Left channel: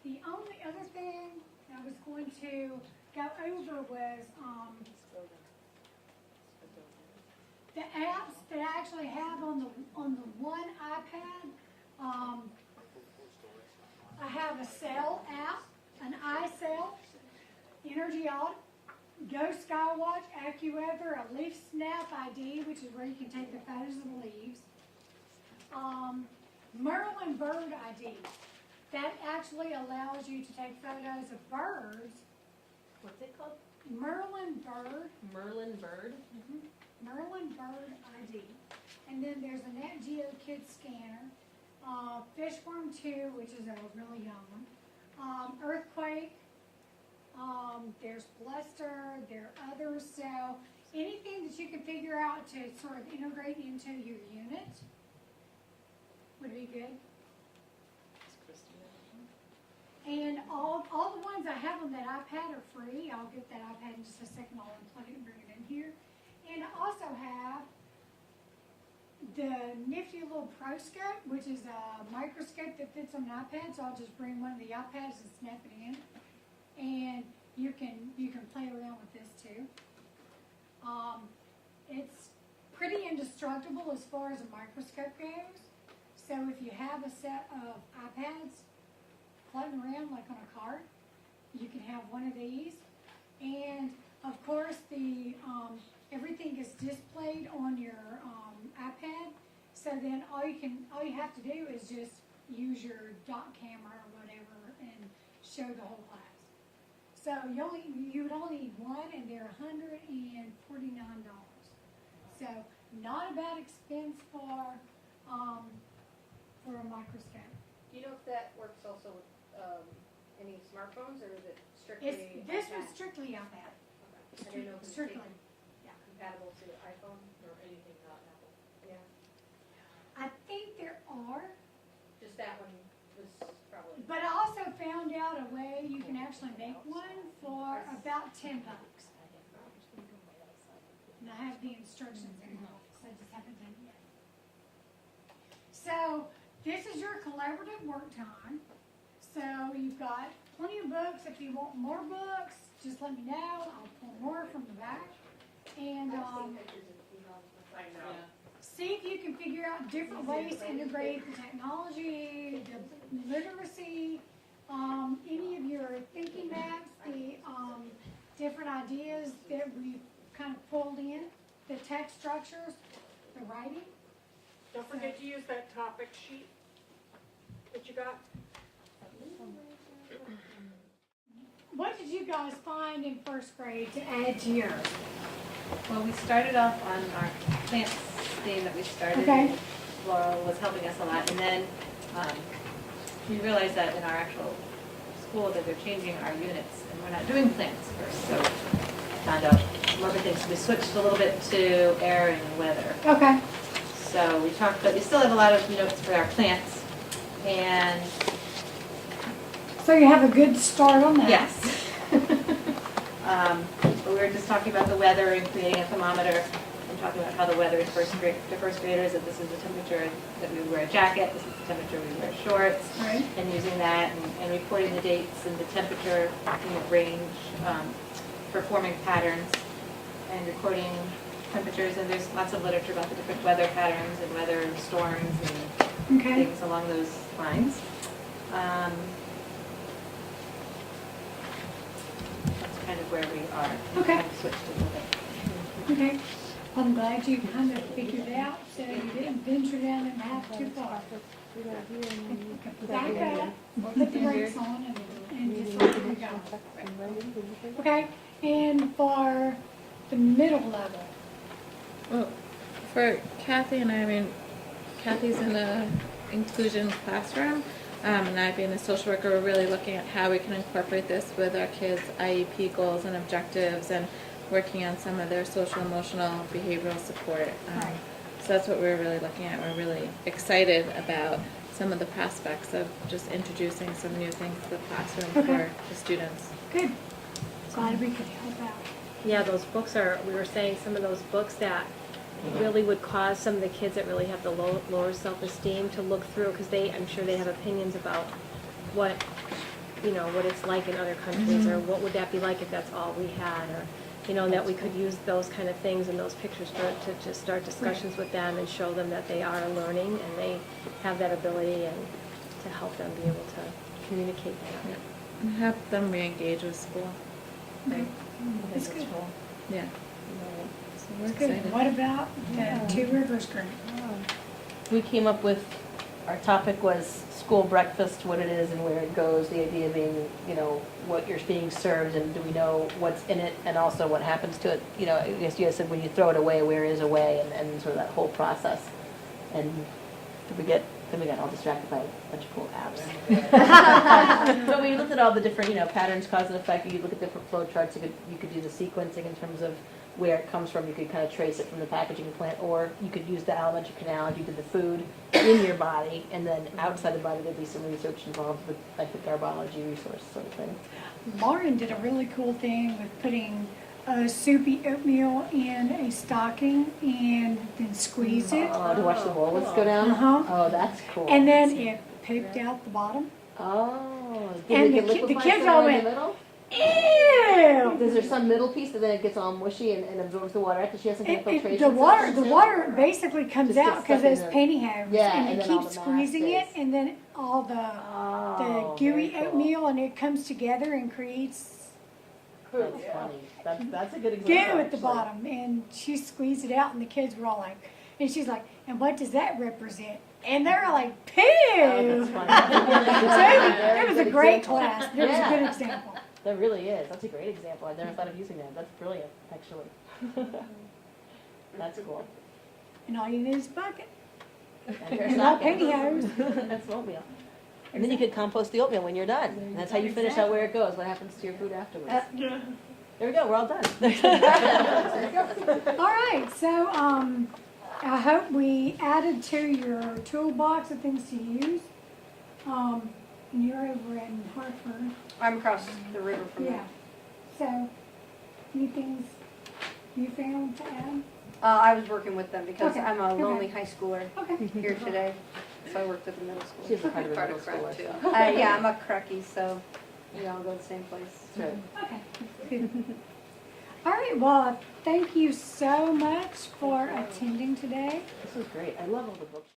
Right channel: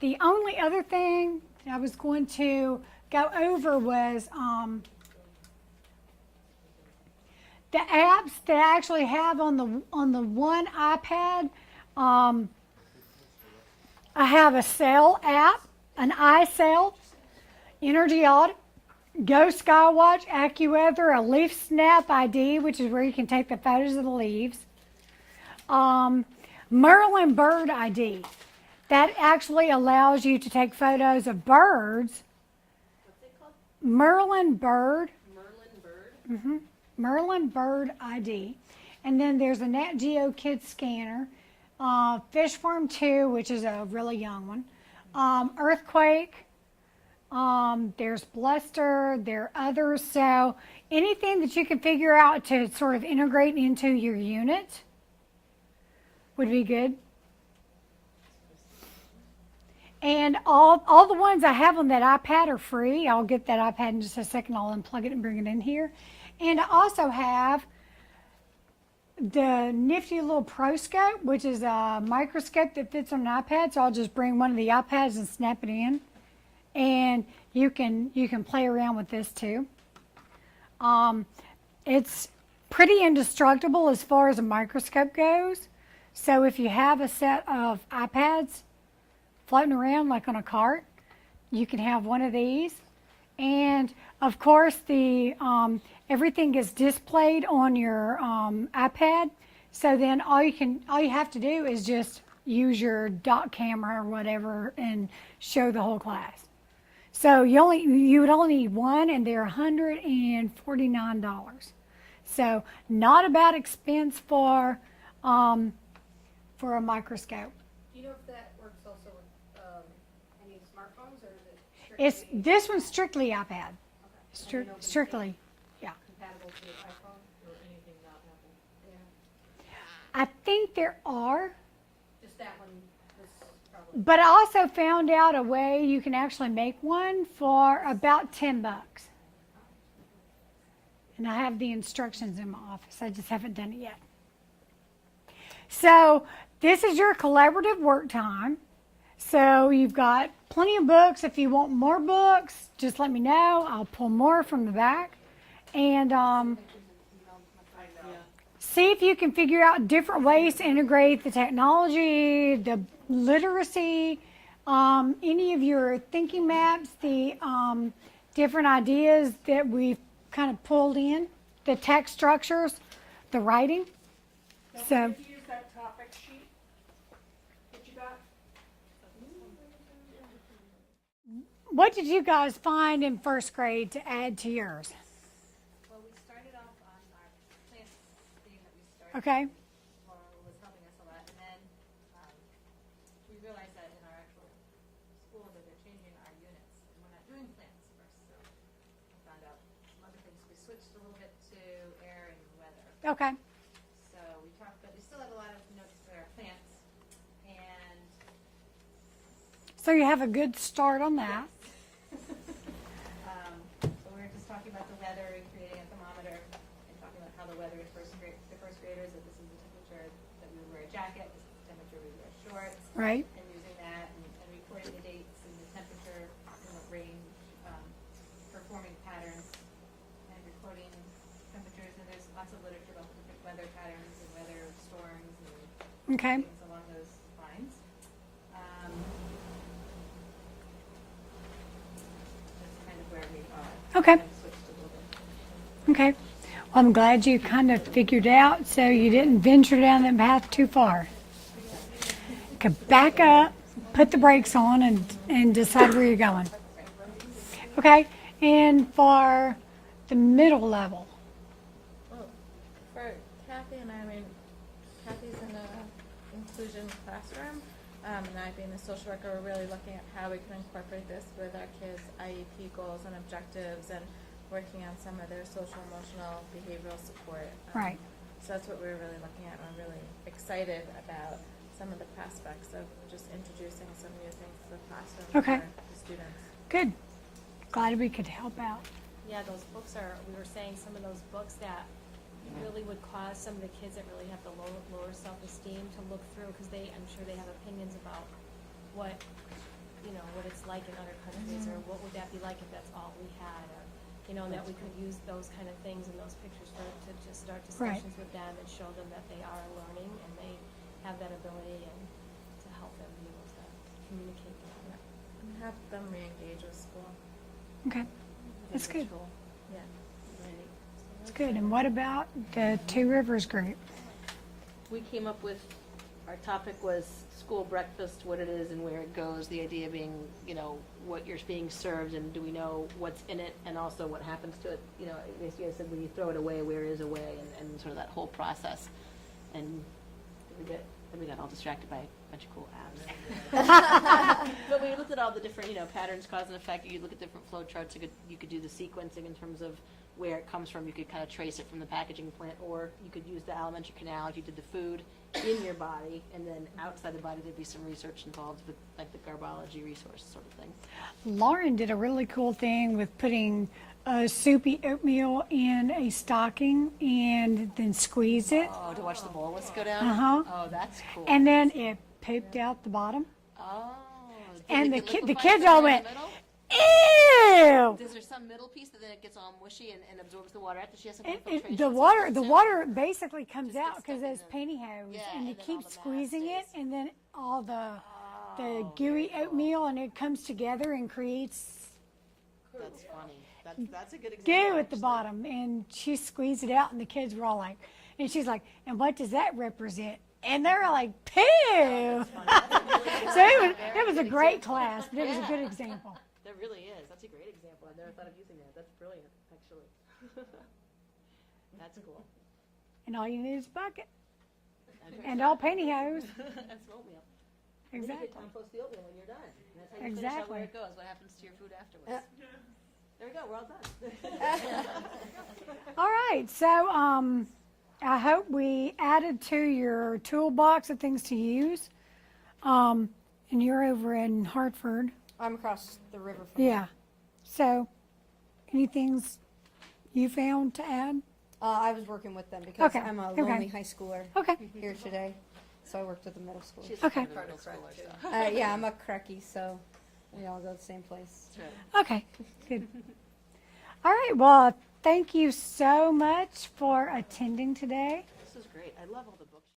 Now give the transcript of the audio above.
The only other thing I was going to go over was the apps that I actually have on the one iPad. I have a Cell app, an iCell, Energy Audit, Go Skywatch, AccuWeather, a Leaf Snap ID, which is where you can take the photos of the leaves. Merlin Bird ID. That actually allows you to take photos of birds. What's it called? Merlin Bird. Merlin Bird? Mm-hmm. Merlin Bird ID. And then there's a Nat Geo Kids scanner. Fishworm 2, which is a really young one. Earthquake. There's Bluster. There are others. So anything that you can figure out to sort of integrate into your unit would be good. And all the ones I have on that iPad are free. I'll get that iPad in just a second. I'll unplug it and bring it in here. And I also have the nifty little Pro Scope, which is a microscope that fits on an iPad. So I'll just bring one of the iPads and snap it in. And you can play around with this too. It's pretty indestructible as far as a microscope goes. So if you have a set of iPads floating around like on a cart, you can have one of these. And of course the everything is displayed on your iPad. So then all you have to do is just use your dot camera or whatever and show the whole class. So you would only need one, and they're $149. So not a bad expense for a microscope. Do you know if that works also with any smartphones, or is it strictly? This one's strictly iPad. Okay. And you know if it's Strictly, yeah. compatible to iPhone or anything not Apple? Yeah. I think there are, Just that one is probably. but I also found out a way you can actually make one for about $10. And I have the instructions in my office. I just haven't done it yet. So this is your collaborative work time. So you've got plenty of books. If you want more books, just let me know. I'll pull more from the back. And see if you can figure out different ways to integrate the technology, the literacy, any of your thinking maps, the different ideas that we've kind of pulled in, the text structures, the writing. Don't So- forget to use that topic sheet that you got. What did you guys find in first grade to add to yours? Well, we started off on our plants theme that we started. Okay. Laura was helping us a lot, and then we realized that in our actual school that they're changing our units, and we're not doing plants first. So found out some other things. We switched a little bit to air and weather. Okay. So we talked, but we still have a lot of notes for our plants, and So you have a good start on that. yes. But we were just talking about the weather and creating a thermometer and talking about how the weather is to first graders, that this is the temperature that we wear a jacket, this is the temperature we wear shorts, Right. and using that and reporting the dates and the temperature range for forming patterns and recording temperatures. And there's lots of literature about the different weather patterns and weather storms and Okay. things along those lines. That's kind of where we are. Okay. I've switched a little bit. Okay. Well, I'm glad you kind of figured out so you didn't venture down that path too far. Okay, back up, put the brakes on, and decide where you're going. Okay, and for the middle level. Well, for Kathy and I mean, Kathy's in a inclusion classroom, and I being a social worker, we're really looking at how we can incorporate this with our kids' IEP goals and objectives, and working on some of their social, emotional, behavioral support. Right. So that's what we're really looking at. We're really excited about some of the prospects of just introducing some new things to the classroom Okay. for the students. Good. Glad we could help out. Yeah, those books are, we were saying some of those books that really would cause some of the kids that really have the lower self-esteem to look through, because I'm sure they have opinions about what, what it's like in other countries, or what would that be like if that's all we had, or, that we could use those kind of things and those pictures to just start discussions with them and show them that they are learning and they have that ability, and to help them be able to communicate that. And help them re-engage with school. Okay, that's good. Yeah. So we're That's good. excited. And what about the Two Rivers group? We came up with, our topic was school breakfast, what it is and where it goes, the idea being, what you're being served and do we know what's in it and also what happens to it. I guess you guys said when you throw it away, where is away, and sort of that whole process. And then we got all distracted by a bunch of cool apps. But we looked at all the different, patterns, cause and effect. You look at different flow charts, you could do the sequencing in terms of where it comes from. You could kind of trace it from the packaging plant, or you could use the alimentary canal if you did the food in your body, and then outside the body there'd be some research involved with, I think, our biology resource sort of thing. Lauren did a really cool thing with putting soupy oatmeal in a stocking and then squeeze it. Oh, to watch the bolus go down? Uh-huh. Oh, that's cool. And then it pooped out the bottom. Oh. And Did it the get liquefied kids somewhere all in went, the middle? ew! Is there some middle piece that then it gets all mushy and absorbs the water after she has some kind of filtration? The water basically comes Just out gets because stuck in it's the- pantyhose. Yeah, And and you then all keep the mass squeezing it, stays. and then all the Oh, gooey very cool. oatmeal, and it comes together and creates That's funny. That's a good goo example. at the actually. bottom. And she squeezed it out, and the kids were all like, and she's like, and what does that represent? And they're all like, poo! Oh, that's funny. So it was a Very great good class. It was a Yeah. good example. That really is. That's a great example. I've never thought of using that. That's brilliant, actually. That's cool. And all you need is a bucket. And And all pantyhose. That's oatmeal. And then you could compost the oatmeal when you're done. And that's how you finish out where it goes. What happens to your food afterwards? There we go. We're all done. All right, so I hope we added to your toolbox of things to use. And you're over in Hartford. I'm across the river from you. Yeah. So, any things you found to add? I was working with them because Okay, I'm a okay. lonely high schooler Okay. here today, so I worked at the middle She's school. a kind of a Part middle of crack, schooler, too. so. Yeah, I'm a cracky, so we all go to the same place. That's right. Okay. Good. All right, well, thank you so much for attending today. This was great. I love all the books.